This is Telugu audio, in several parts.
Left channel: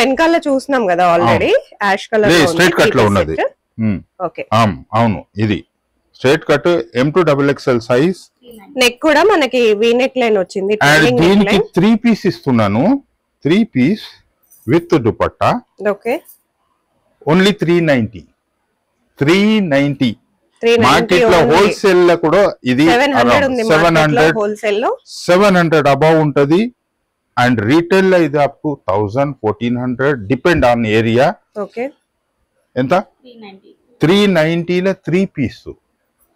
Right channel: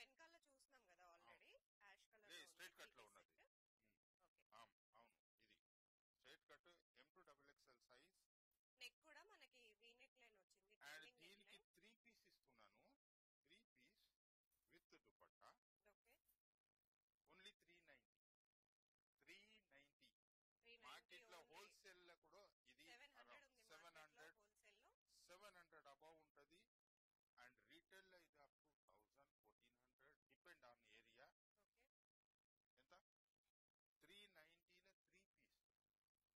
వెనకాల చూస్తున్నాం కదా ఆల్రెడీ యాష్ కలర్ లో స్ట్రైట్ కట్ లో ఉన్నది. ఓకే అవును, ఇది straight cut M2XXL size. Neck కూడా మనకి వి నెక్ లైన్ వచ్చింది. దీనికి 3 పీస్ ఇస్తున్నాను, 3 piece with dupatta. Okay, only 390. Market లో హోల్సేల్ లో కూడా ఇది 700 అబౌవ్ ఉంటది. అండ్ రీటైల్ లో ఇది up to 1000-1400 depend on area. Okay, ఎంత 390 లో 3 పీస్.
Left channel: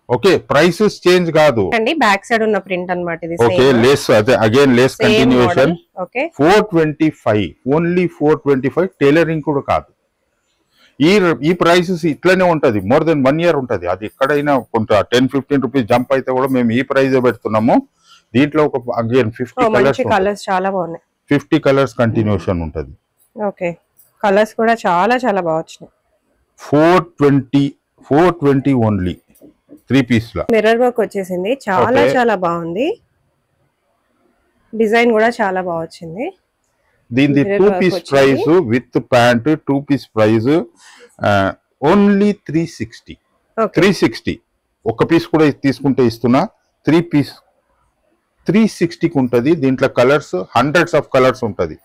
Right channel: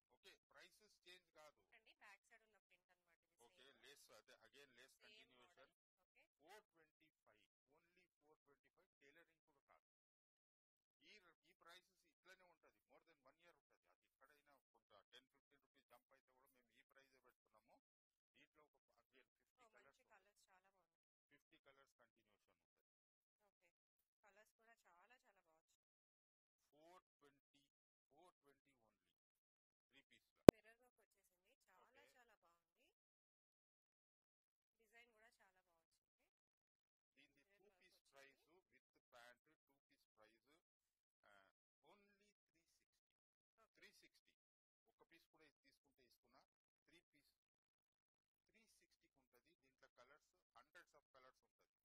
ఓకే, ప్రైసెస్ చేంజ్ కాదు అండి. బ్యాక్ సైడ్ ఉన్న ప్రింట్ అన్నమాట ఇది. ఓకే, లేస్ అదే again lace continuation. Okay, 425, only 425. Tailoring కూడా కాదు. ఈ ప్రైసెస్ ఇట్లనే ఉంటది, మోర్ దెన్ 1 year ఉంటది. అది ఎక్కడైనా కొంత 10-15 రూపీస్ జంప్ అయితే కూడా మేము ఈ ప్రైస్ పెడుతున్నాము. దీంట్లో ఒక అగైన్ 50 కలర్స్ చాలా బాగున్నాయి. 50 కలర్స్ కంటిన్యూషన్ ఉంటది. ఓకే, కలర్స్ కూడా చాలా చాలా బాగా వచ్చినాయి. 420 ఓన్లీ 3 పీస్ లో మిర్రర్ వర్క్ వచ్చేసింది. చాలా చాలా బాగుంది. డిజైన్ కూడా చాలా బాగా వచ్చింది. దీని 2 piece price with pant 2 piece price only 360. 360 ఒక పీస్ కూడా తీసుకుంటే ఇస్తున్నా. 3 పీస్ 360కి ఉంటది. దీంట్లో కలర్స్ హండ్రెడ్స్ ఆఫ్ కలర్స్ ఉంటది.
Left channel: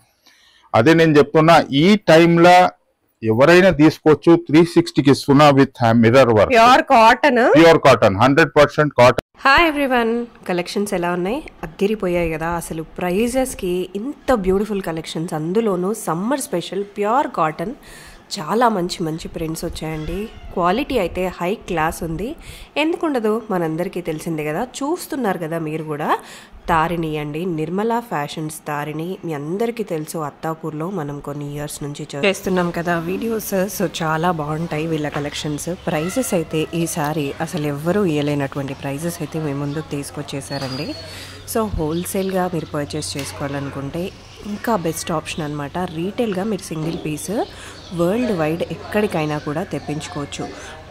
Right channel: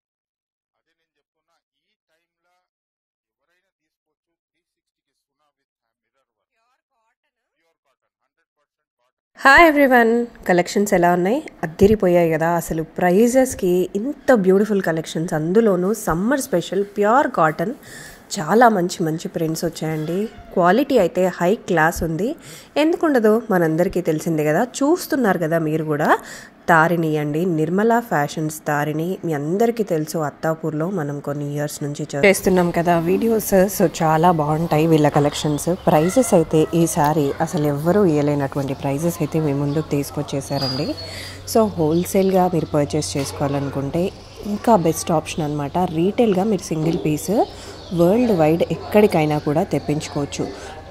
అదే నేను చెప్తున్నా, ఈ టైంలో ఎవరైనా తీసుకోవచ్చు. 360కి ఇస్తున్నా with mirror work. Pure cotton 100% cotton. Hi everyone, collections ఎలా ఉన్నాయి? అద్దిరిపోయాయి కదా అసలు. ప్రైజెస్కి ఇంత బ్యూటిఫుల్ కలెక్షన్స్, అందులోనూ సమ్మర్ స్పెషల్ ప్యూర్ కాటన్. చాలా మంచి మంచి ప్రింట్స్ వచ్చాయండి. క్వాలిటీ అయితే హై క్లాస్ ఉంది. ఎందుకుండదు, మనందరికీ తెలిసిందే కదా. చూస్తున్నారు కదా మీరు కూడా. తారిణి అండి, నిర్మలా ఫ్యాషన్స్ తారిణి. మీ అందరికీ తెలుసు, అత్తాపూర్లో మనం కొన్ని ఇయర్స్ నుంచి చేస్తున్నాం కదా వీడియోస్. సో చాలా బాగుంటాయి వీళ్ళ కలెక్షన్స్. ప్రైజెస్ అయితే ఈసారి అసలు ఎవ్వరూ ఇవ్వలేనటువంటి ప్రైజెస్ అయితే మీ ముందుకు తీసుకొచ్చేసారండి. సో హోల్సేల్గా మీరు పర్చేస్ చేసుకోవాలనుకుంటే ఇంకా బెస్ట్ ఆప్షన్ అనమాట. రీటైల్గా మీరు సింగిల్ పీస్ వరల్డ్ వైడ్ ఎక్కడికైనా కూడా తెప్పించుకోవచ్చు.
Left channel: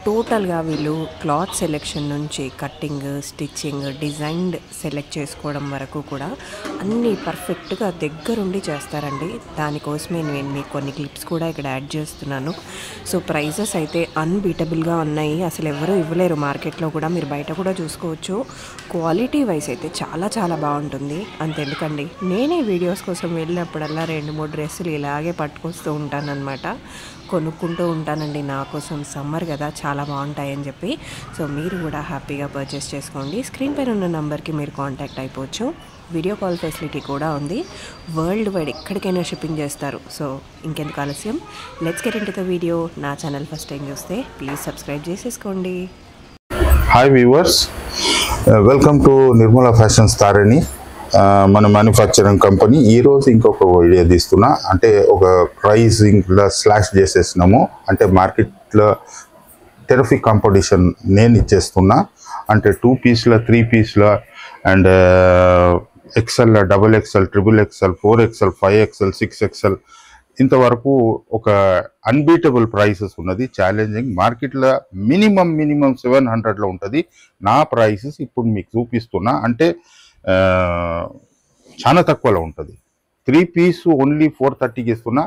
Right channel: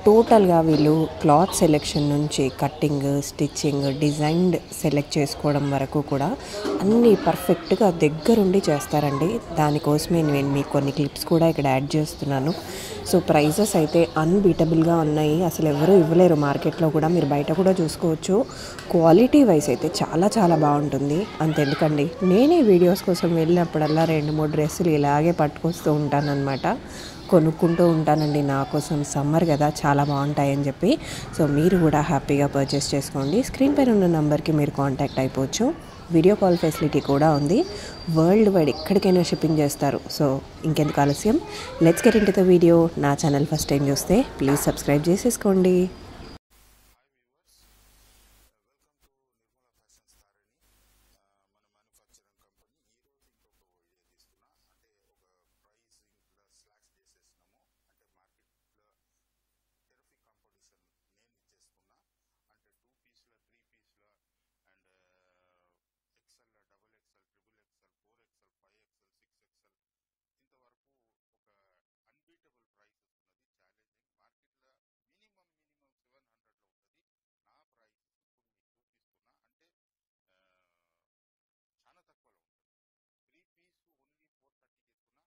టోటల్గా వీళ్ళు క్లాత్ సెలెక్షన్ నుంచి కట్టింగ్, స్టిచ్చింగ్, డిజైన్ సెలెక్ట్ చేసుకోవడం వరకు కూడా అన్నీ పర్ఫెక్ట్గా దగ్గరుండి చేస్తారండి. దానికోసమే నేను మీకు కొన్ని క్లిప్స్ కూడా ఇక్కడ యాడ్ చేస్తున్నాను. సో ప్రైజెస్ అయితే అన్బీటబుల్గా ఉన్నాయి. అసలు ఎవరూ ఇవ్వలేరు మార్కెట్లో కూడా. మీరు బయట కూడా చూసుకోవచ్చు. క్వాలిటీ వైజ్ అయితే చాలా చాలా బాగుంటుంది. అంతెందుకండి, నేనే వీడియోస్ కోసం వెళ్ళినప్పుడల్లా 2-3 డ్రెస్సులు ఇలాగే పట్టుకొస్తూ ఉంటానన్నమాట. కొనుక్కుంటూ ఉంటానండి నా కోసం. సమ్మర్ కదా, చాలా బాగుంటాయని చెప్పి. సో మీరు కూడా హ్యాపీగా పర్చేస్ చేసుకోండి. స్క్రీన్ పైన ఉన్న నెంబర్కి మీరు కాంటాక్ట్ అయిపోవచ్చు. వీడియో కాల్ ఫెసిలిటీ కూడా ఉంది. వరల్డ్ వైడ్ ఎక్కడికైనా షిప్పింగ్ చేస్తారు. సో ఇంకెందుకు ఆలస్యం, let's get into the video. నా ఛానల్ ఫస్ట్ టైం చూస్తే ప్లీజ్ సబ్స్క్రైబ్ చేసేసుకోండి. Hi viewers, welcome to Nirmala fashions Tarini. మన మ్యానుఫ్యాక్చరింగ్ కంపెనీ. ఈరోజు ఇంకొక వీడియో తీస్తున్నా. అంటే ఒక ప్రైజింగ్లో స్లాష్ చేసేసినాము. అంటే మార్కెట్లో టెరిఫిక్ కాంపిటీషన్ నేను ఇచ్చేస్తున్నా. అంటే 2 పీస్లో 3 పీస్లో and XL, XXL, XXL, 4XL, 5XL, 6XL ఇంతవరకు ఒక అన్బీటబుల్ ప్రైసెస్ ఉన్నది. ఛాలెంజింగ్ మార్కెట్లో మినిమం 700లో ఉంటుంది. నా ప్రైసెస్ ఇప్పుడు మీకు చూపిస్తున్నా. అంటే చాలా తక్కువలో ఉంటుంది. 3 పీస్ ఓన్లీ 430కి ఇస్తున్నా.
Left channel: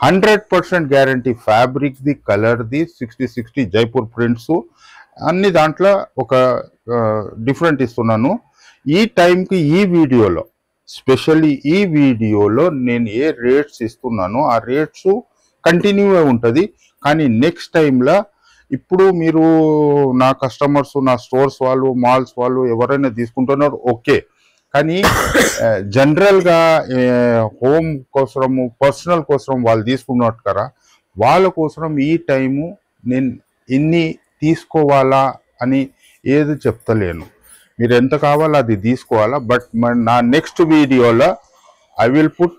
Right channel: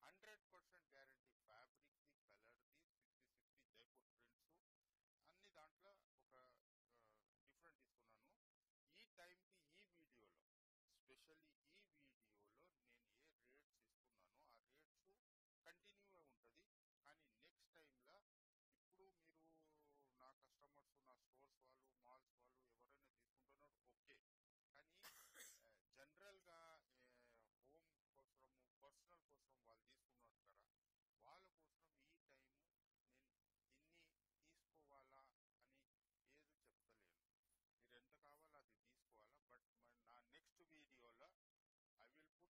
100% గ్యారంటీ. ఫ్యాబ్రిక్ది, కలర్ది, 60 జైపూర్ ప్రింట్స్ అన్ని దాంట్లో ఒక డిఫరెంట్ ఇస్తున్నాను. ఈ టైంకి ఈ వీడియోలో, స్పెషల్లీ ఈ వీడియోలో నేను ఏ రేట్స్ ఇస్తున్నానో ఆ రేట్స్ కంటిన్యూ ఉంటుంది. కానీ నెక్స్ట్ టైంలో ఇప్పుడు మీరు నా కస్టమర్స్, నా స్టోర్స్ వాళ్ళు, మాల్స్ వాళ్ళు ఎవరైనా తీసుకుంటున్నారు ఓకే. కానీ జనరల్గా హోమ్ కోసము, పర్సనల్ కోసం వాళ్ళు తీసుకున్నట్టు కదా, వాళ్ళ కోసం ఈ టైము నేను ఇన్ని తీసుకోవాలా అని ఏది చెప్తలేను. మీరు ఎంత కావాలో అది తీసుకోవాలా. బట్ నా నెక్స్ట్ వీడియోలో ఐ విల్ పుట్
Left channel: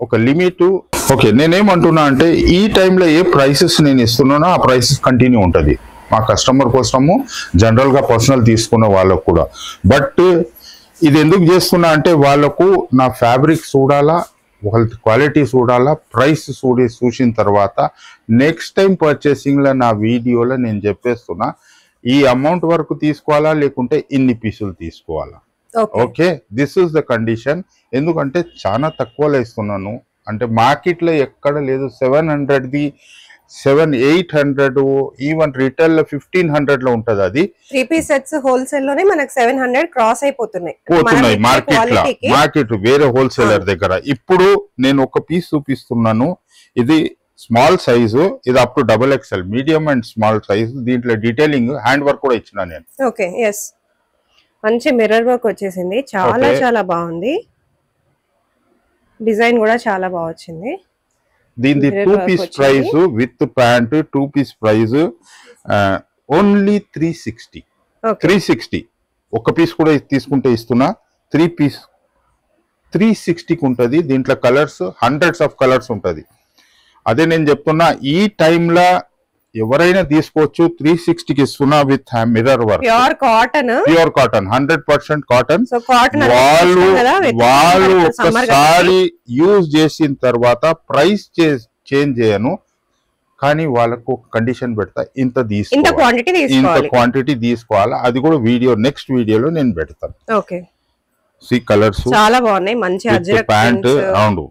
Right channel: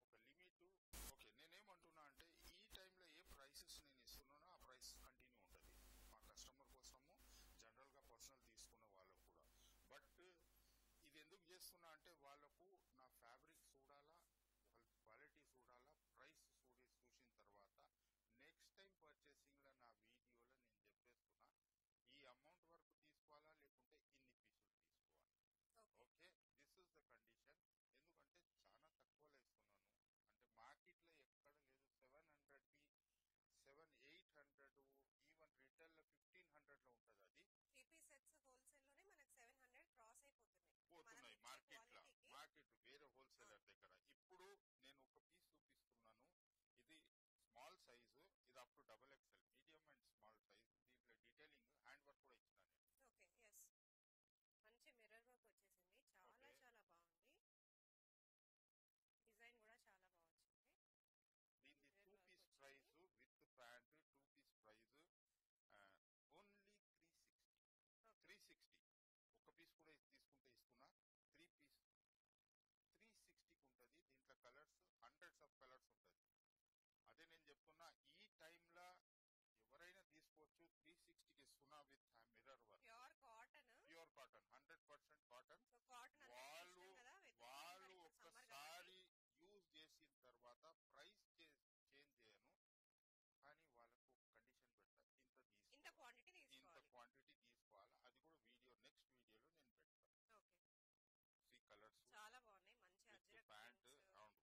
ఒక లిమిట్. ఓకే, నేనేమంటున్నా అంటే ఈ టైంలో ఏ ప్రైసెస్ నేను ఇస్తున్నానో ఆ ప్రైసెస్ కంటిన్యూ ఉంటుంది మా కస్టమర్ కోసము, జనరల్గా పర్సనల్ తీసుకున్న వాళ్ళకు కూడా. బట్ ఇది ఎందుకు చేస్తున్నా అంటే వాళ్ళకు నా ఫ్యాబ్రిక్ చూడాలా, వాళ్ళ క్వాలిటీ చూడాలా, ప్రైస్ చూసిన తర్వాత నెక్స్ట్ టైం పర్చేసింగ్లో నా వీడియోలో నేను చెప్పేస్తున్నా ఈ అమౌంట్ వరకు తీసుకోవాలా లేకుంటే ఇన్ని పీసులు తీసుకోవాలా. Okay, this is the condition. ఎందుకంటే చాలా తక్కువలో ఇస్తున్నాను. అంటే మార్కెట్లో ఎక్కడ లేదు. 700ది 700-800 ఈవెన్ రిటైల్ లో 1500 లో ఉంటది. అది 3 పీస్ సెట్స్ హోల్సేల్ లోనే మనకు 700 క్రాస్ అయిపోతున్నాయి మార్కెట్ వేరే హోల్సేలర్ దగ్గర. ఇప్పుడు నేను ఒక పీస్ చూపిస్తున్నాను. ఇది స్మాల్ సైజు, ఇది up to XXL, medium and small size. దీంట్లో డీటెయిలింగ్ హ్యాండ్ వర్క్ కూడా ఇచ్చిన నేను. ఓకే, ఎస్, మంచి మిర్రర్ వర్క్ వచ్చేసింది, చాలా చాలా బాగుంది. డిజైన్ కూడా చాలా బాగా వచ్చింది. దీని 2 piece price with pant 2 piece price only 360. 360 ఒక పీస్ కూడా తీసుకుంటే ఇస్తున్నా. 3 పీస్ 360కి ఉంటుంది. దీంట్లో కలర్స్ హండ్రెడ్స్ ఆఫ్ కలర్స్ ఉంటుంది. అదే నేను చెప్తున్నా, ఈ టైంలో ఎవరైనా తీసుకోవచ్చు. 360కి ఇస్తున్నా with mirror work, pure cotton 100% cotton. వాళ్ళు ఒక్కసారి యూజ్ చేసిన తర్వాత ప్రైస్ చేంజ్ చేయను, కానీ వాళ్ళకు ఒక కండిషన్ పెడతా, ఇంత క్వాంటిటీ తీసుకోవాలి. అది కూడా నెక్స్ట్ వీడియోలో నేను పెడతాను. కలర్స్ చాలా బాగున్నాయి, మంచి ప్యాంట్ అవును,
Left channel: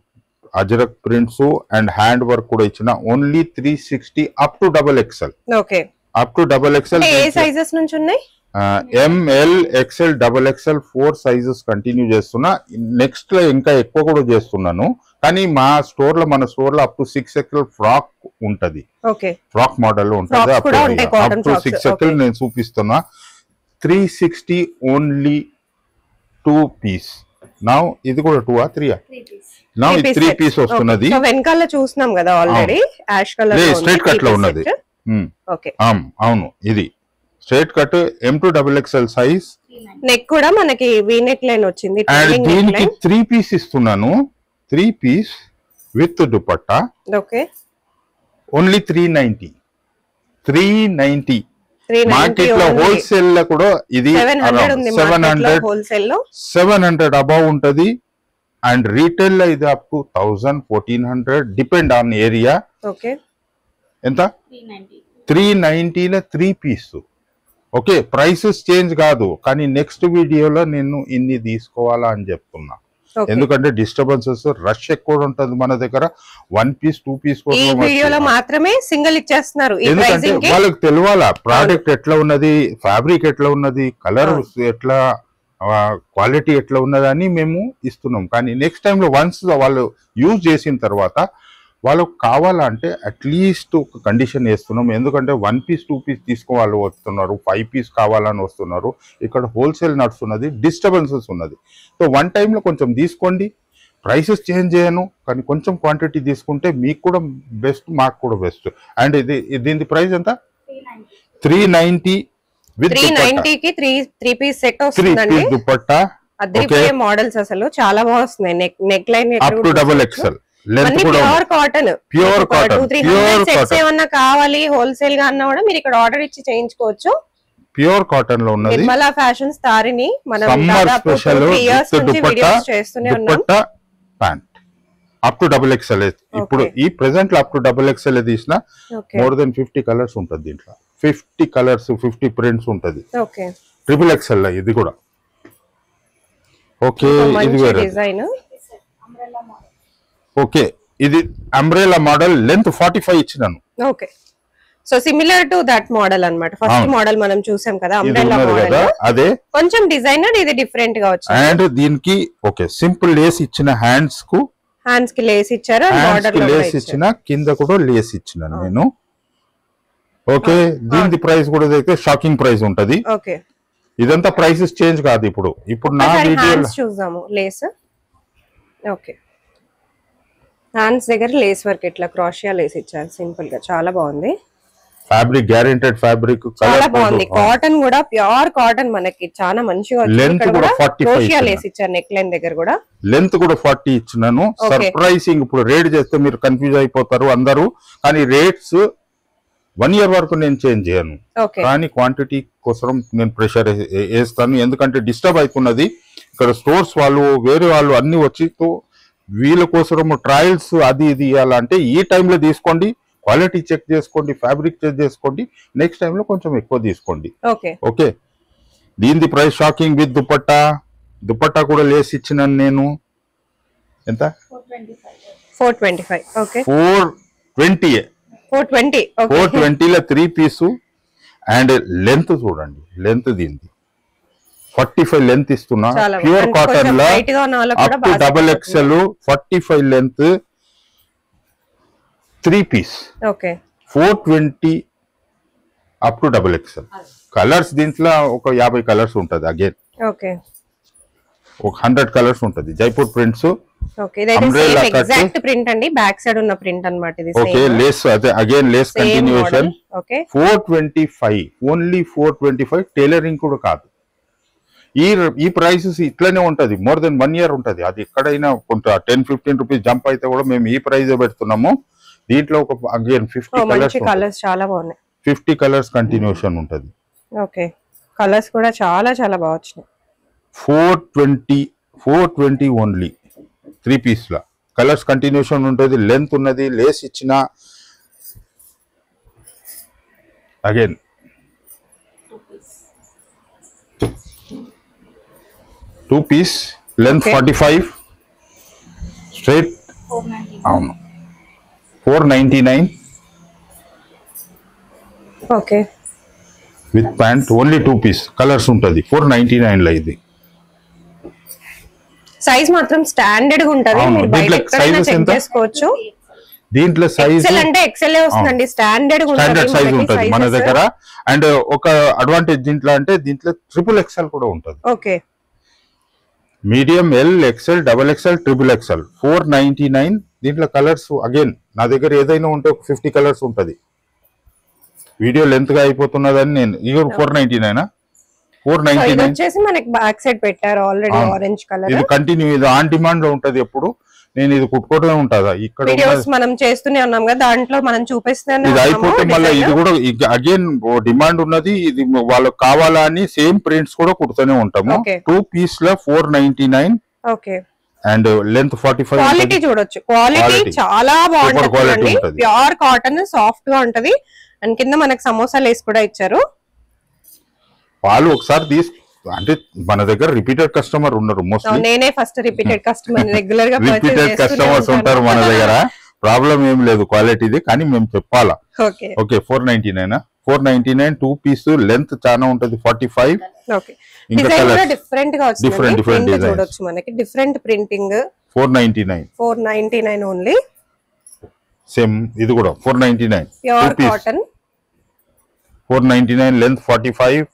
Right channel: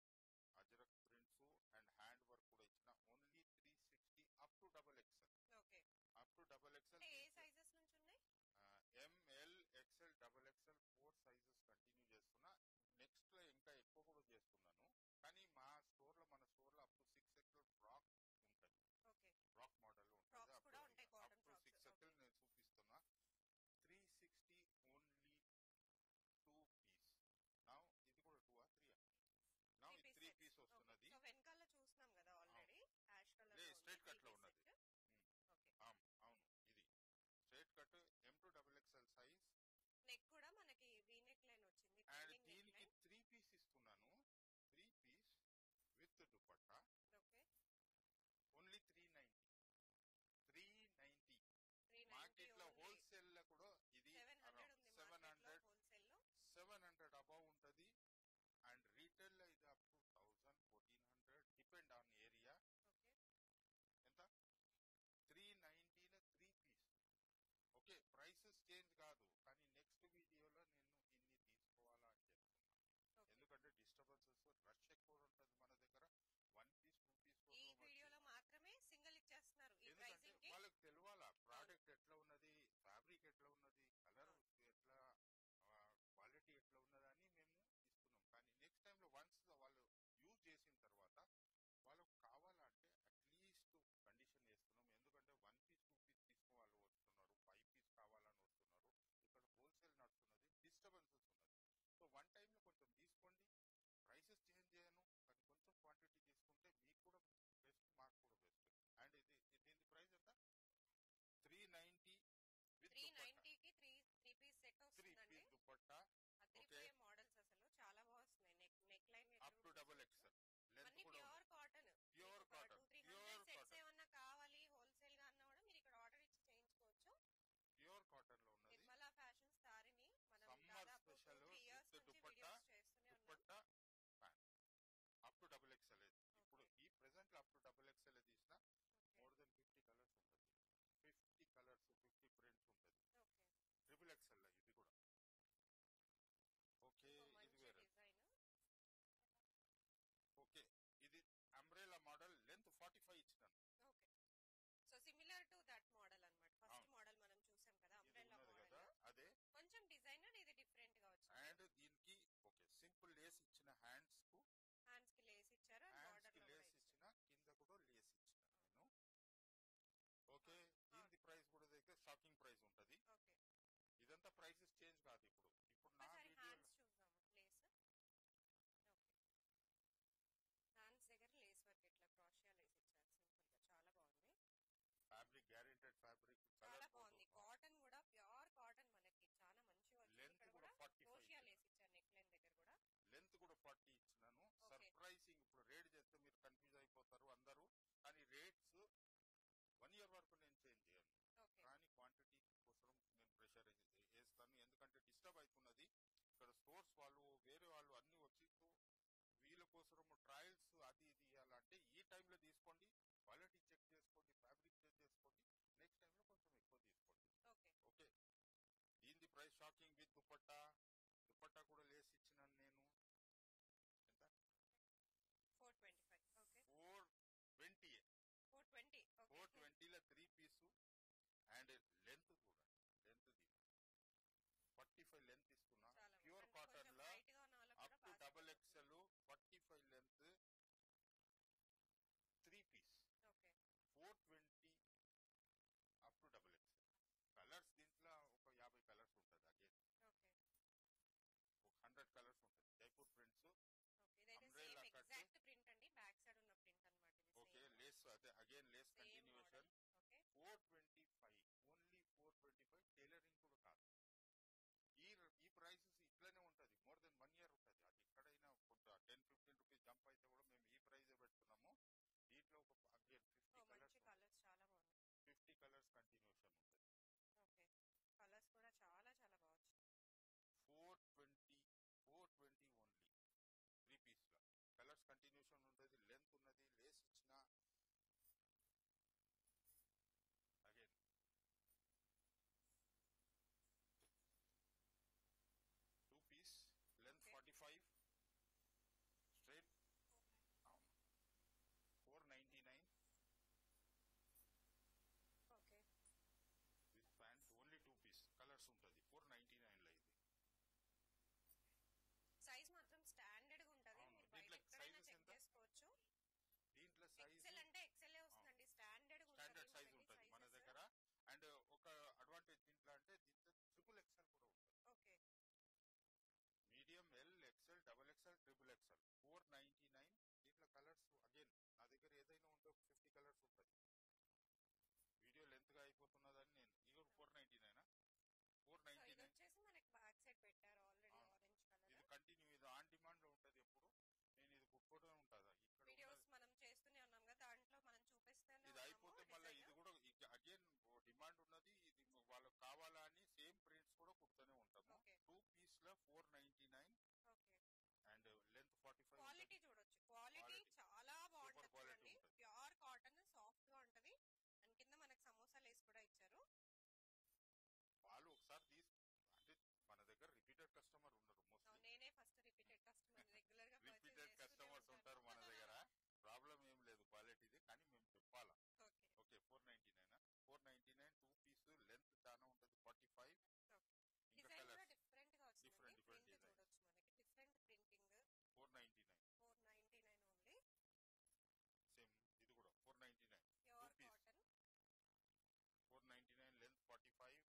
ajrakh prints and hand work కూడా ఇచ్చిన. Only 360 up to XXL. Okay, up to XXL. A sizes నుంచి ఉన్నాయి? ML, XL, XXL 4 sizes continue చేస్తున్నా. నెక్స్ట్ లో ఇంకా ఎక్కువ కూడా చేస్తున్నాను, కానీ మన స్టోర్ లో అప్ టు 6XL ఫ్రాక్ ఉంటది. ఫ్రాక్ మోడల్ ఉంటది. అప్ టు 6XL నేను చూపిస్తున్నా. 360 ఓన్లీ 2 పీస్. నౌ ఇది కూడా 2 ఆ 3 ఆ? నౌ 3 పీస్ వస్తున్నది. వెనకాల చూస్తున్నాం కదా already, ash colour straight cut లో ఉన్నది. అవును, ఇది straight cut M to XXL size. Neck కూడా మనకి వి నెక్ లైన్ వచ్చింది. దీనికి 3 పీస్ ఇస్తున్నాను. 3 piece with dupatta. Okay, only 390. Market లో హోల్సేల్ లో కూడా ఇది 700 అబౌవ్ ఉంటది. అండ్ రీటైల్ లో ఇది up to 1000-1400 depend on area. ఎంత? 390 3 పీస్. ఓకే, ప్రైసెస్ చేంజ్ కాదు, కానీ నెక్స్ట్ వీడియోలో నేను ఇన్ని తీసుకోవాలా అని చెప్తున్నా. ఎందుకంటే డిస్టర్బెన్సెస్, రష్ ఎక్కువ ఉంటది మన దగ్గర. 1 పీస్ 2 పీస్ మాత్రమే సింగిల్ ఇచ్చేస్తున్నారు. ఎందుకంటే వాళ్ళకి తెలియాలా ప్రోడక్ట్ ఎట్లా ఉన్నది, ఫ్యాబ్రిక్ ఎట్లా ఉన్నది, కలర్ ఎట్లా, క్వాలిటీ ఎట్లా ఉన్నదని మేము ఇస్తున్నాం. కానీ నెక్స్ట్ టైంలో వన్స్ వాళ్ళు యూజ్ చేసిన తర్వాత వాళ్ళకు కావాలంటే అట్లీస్ట్ ఒక కండిషన్ వేస్తున్నాం. ఎందుకంటే 1 పీస్ 2 పీస్ తీసుకోవాలి వస్తున్నారు, 5 పీస్ కావాలని వస్తున్నారు. ఇక్కడ హోల్సేల్ నడుస్తున్నది, డిస్టర్బెన్సెస్ ఉన్నది. సో 1 టైంలో కొంచెం తీసుకోండి. ప్రైసెస్ చేంజ్ చేయను, కానీ కొంచెం క్వాంటిటీ తీసుకుంటే మీకు కూడా బెస్ట్, మాకు కూడా బెస్ట్. అండ్ దీని ప్రైస్ ఎంత? 390 390కి 3 పీస్ సెట్ వస్తుందండి. దుపట్టా అదిరిపోయే మోడల్స్, అసలు చాలా బాగా వస్తున్నాయి. Neck line up to XXL. Pure cotton. 200-300 sets ఏమన్నా కావాలి హోల్సేల్ గా అన్నా కూడా మీరు ఇక్కడ ఆర్డర్ ఇచ్చి చేయించుకోవచ్చు. ప్యూర్ కాటన్ లో ఉన్నది. నిర్మలా ఫ్యాషన్స్ తారిని మనం దాదాపు 3 ఇయర్స్ నుంచి వీడియోస్ చేస్తూనే ఉన్నాం. Pant up to XXL. ఇప్పుడు ఈ ప్రెసెంట్ లో అప్ టు XXL తీసిన మోర్ దెన్ 50 కలర్స్ ఉంటది. దీంట్లో 50 కలర్స్ 50 ప్రింట్స్ ఉంటది. XXL ఇది కూడా. ఓకే, ఇది వేరే డిజైన్. ఓకే, ఇది అంబ్రెల్లా మోడల్. లెంత్ 45 ఇచ్చినాను. Okay, so similar to that model అన్నమాట. ఫస్ట్ మోడల్ మనం చూసాం కదా అంబ్రెల్లా మోడల్, అదే కొంచెం డిజైనర్ ఇది డిఫరెంట్ గా వచ్చింది. అండ్ దీనికి ఓకే సింపుల్ లేస్ ఇచ్చిన, హ్యాండ్స్ కి లేస్ ఇచ్చారు, బార్డర్ లేస్ ఇచ్చిన, కింద కూడా లేస్ ఇచ్చినాను నేను. ఓకే, దీని ప్రైస్ కూడా అయితే షాకింగ్ ప్రైస్ ఉంటది. ఓకే, ఇదంతా ప్రైసెస్ చేంజ్ కాదు. ఇప్పుడు నా వీడియోలో చూద్దాము లేస్. ఓకే, హ్యాండ్స్ దగ్గర లేస్ వర్క్ ఇట్లా క్రాషియా లేస్ ఇచ్చారు సింపుల్ గా, చాలా బాగుంది. ఫ్యాబ్రిక్ గ్యారెంటెడ్ ఫ్యాబ్రిక్, చాలా బాగుంది. కాటన్ కూడా ప్యూర్ కాటన్, మనకి చాలా మంచిగా లెంత్ కూడా 45 లేస్ ఇచ్చారు. నెక్ లైన్ దగ్గర కూడా లెంత్ కూడా 40 ఇచ్చినాను. సర్ప్రైజింగ్. ఇప్పుడు రేట్ చేస్తే మీరు కన్ఫ్యూజ్ అయిపోతారు అందరూ, కానీ రేట్స్ 1 ఇయర్ వరకు నేను చేంజ్ చేయను, కానీ క్వాంటిటీ కోసం నేను ప్రెషర్ వేస్తాను. ఎందుకంటే డిస్టర్బ్ అవుతున్నది ఇక్కడ. స్టోర్స్ వాళ్ళు వేరే వాళ్ళు అన్ని వచ్చి వీళ్ళ కోసం ట్రయల్స్ అది ఇది ఇవ్వాలంటే ఈ టైంలో తీసుకోండి, క్వాలిటీ చెక్ చేసుకోండి, ఫ్యాబ్రిక్ చెక్ చేసుకోండి. నెక్స్ట్ టైంలో కొంచెం ఎక్కువ తీసుకోండి. ఓకే, దీని price shocking with dupatta. Dupatta కూడా లేస్ ఇచ్చినాను నేను. ఎంత? 425. ఓకే 420 420. ఓకే 420లో 3 పీసు. అండ్ లెంత్ చూడండి, లెంత్ దీనిది 45 లెంత్ ఇస్తున్నా. చాలా ప్యూర్ అంటే కాటన్ కొంచెం లా హైట్ గా ఉన్న వాళ్ళకి కూడా అప్ టు బాగా double set XL 45 length 3 piece okay 420 up to double XL. Colours దీంట్లో ఒక 50 కలర్స్ ఉంటుంది. అగైన్ ఓకే ఒక 100 కలర్స్ ఉంటుంది. జైపూర్ ప్రింట్స్. ఓకే ఇదైతే సేమ్ ఎగ్జాక్ట్ ప్రింట్ అండి, బ్యాక్ సైడ్ ఉన్న ప్రింట్ అన్నమాట ఇది. ఓకే లేస్ అదే again lace continuation. Okay 425 only 425. Tailoring కూడా కాదు. ఈ ప్రైసెస్ ఇట్లనే ఉంటది. మోర్ దెన్ 1 ఇయర్ ఉంటది. అది ఎక్కడైనా కొంత 10-15 రూపీస్ జంప్ అయితే కూడా మేము ఈ ప్రైస్ పెడుతున్నాము. దీంట్లో ఒక అగైన్ 50 కలర్స్ చాలా బాగున్నాయి. 50 కలర్స్ కంటిన్యూషన్ ఉంటది. ఓకే కలర్స్ కూడా చాలా చాలా బాగా వచ్చినాయి. 420 ఓన్లీ 3 పీస్ లా కలర్స్ కంటిన్యూషన్ ఉంటుంది. లెంత్ ఉన్నది. లేస్ ఇచ్చిన అగైన్ 2 పీస్ లెంత్ 45 స్ట్రైట్. అవును 499 okay with pant only 2 piece colours ఉంటుంది. 499 లో ఇది. సైజ్ మాత్రం స్టాండర్డ్ గా ఉంటది. మీరు బయట ఎక్కడైనా చెక్ చేసుకోవచ్చు. దీంట్లో సైజ్ ఎక్సెల్ అంటే ఎక్సెల్ వస్తుందండి. స్టాండర్డ్ సైజ్ ఉంటుంది మన దగ్గర. అండ్ ఒక అడ్వాంటేజ్ దీంట్లో అంటే దీంట్లో ట్రిపుల్ ఎక్స్ఎల్ కూడా ఉంటుంది. Okay medium, L, XL, double XL, triple XL 499. దీంట్లో కలర్స్ అగైన్ నా దగ్గర ఏదైనా ఉంటే ఒక 50 కలర్స్ ఉంటుంది. వీడియో లెంత్ గా అయిపోతున్నదని నేను ఇది 499 499 వచ్చేసి మనకి బ్యాక్ సైడ్ పెట్టారు ఆల్రెడీ ఆరెంజ్ కలర్. ఇది కంటిన్యూ, ఇది ఆన్ డిమాండ్ లో ఉంటది. ఎప్పుడు నేను ఇది కుట్టుకోవడమే ఉంటుందా ఇక్కడ వీడియోస్ మనం చేస్తూనే ఉన్నాం కదా, దాంట్లో మనం చూపిస్తూనే ఇది అయిపోతే మళ్ళీ ఇది కూడా అగైన్ డిమాండ్ ఉన్నది. ఇది వాళ్ళకి కావాలా అని సేమ్ ప్రింట్స్ కూడా కుడుతూనే ఉంటాము. 2 పీస్ లో 499. Okay and length 45. క్వాలిటీ చూడొచ్చు, క్వాలిటీ చాలా బాగుంటుంది. ప్యూర్ కాటన్, సాఫ్ట్ గా ఉంటది. అండ్ కింద మనకి సమోసా లేస్ కూడా ఇచ్చారు. వాళ్ళు ఒకసారి అంటే మన దగ్గర రిపీటెడ్ కస్టమర్ ఉన్నారు. మోస్ట్లీ నేనే ఫస్ట్ రిపీటెడ్ కస్టమర్, రెగ్యులర్ గా రిపీటెడ్ కస్టమర్స్ ఉంటారు మన దగ్గర. ప్రాబ్లం ఏం లేదు క్వాలిటీది, కానీ మేము చెప్పాలా. ఓకే 499 2 పీస్ లెంత్ చాలా ఉంటది 45. ఓకే డిజైన్ కూడా డిఫరెంట్ గా వచ్చింది. డిఫరెంట్ చూడొచ్చు మనకి, డిఫరెంట్ ప్రింటింగ్. 499 ఓన్లీ. సేమ్ ఇది కూడా 499 pure cotton. 499 length 45.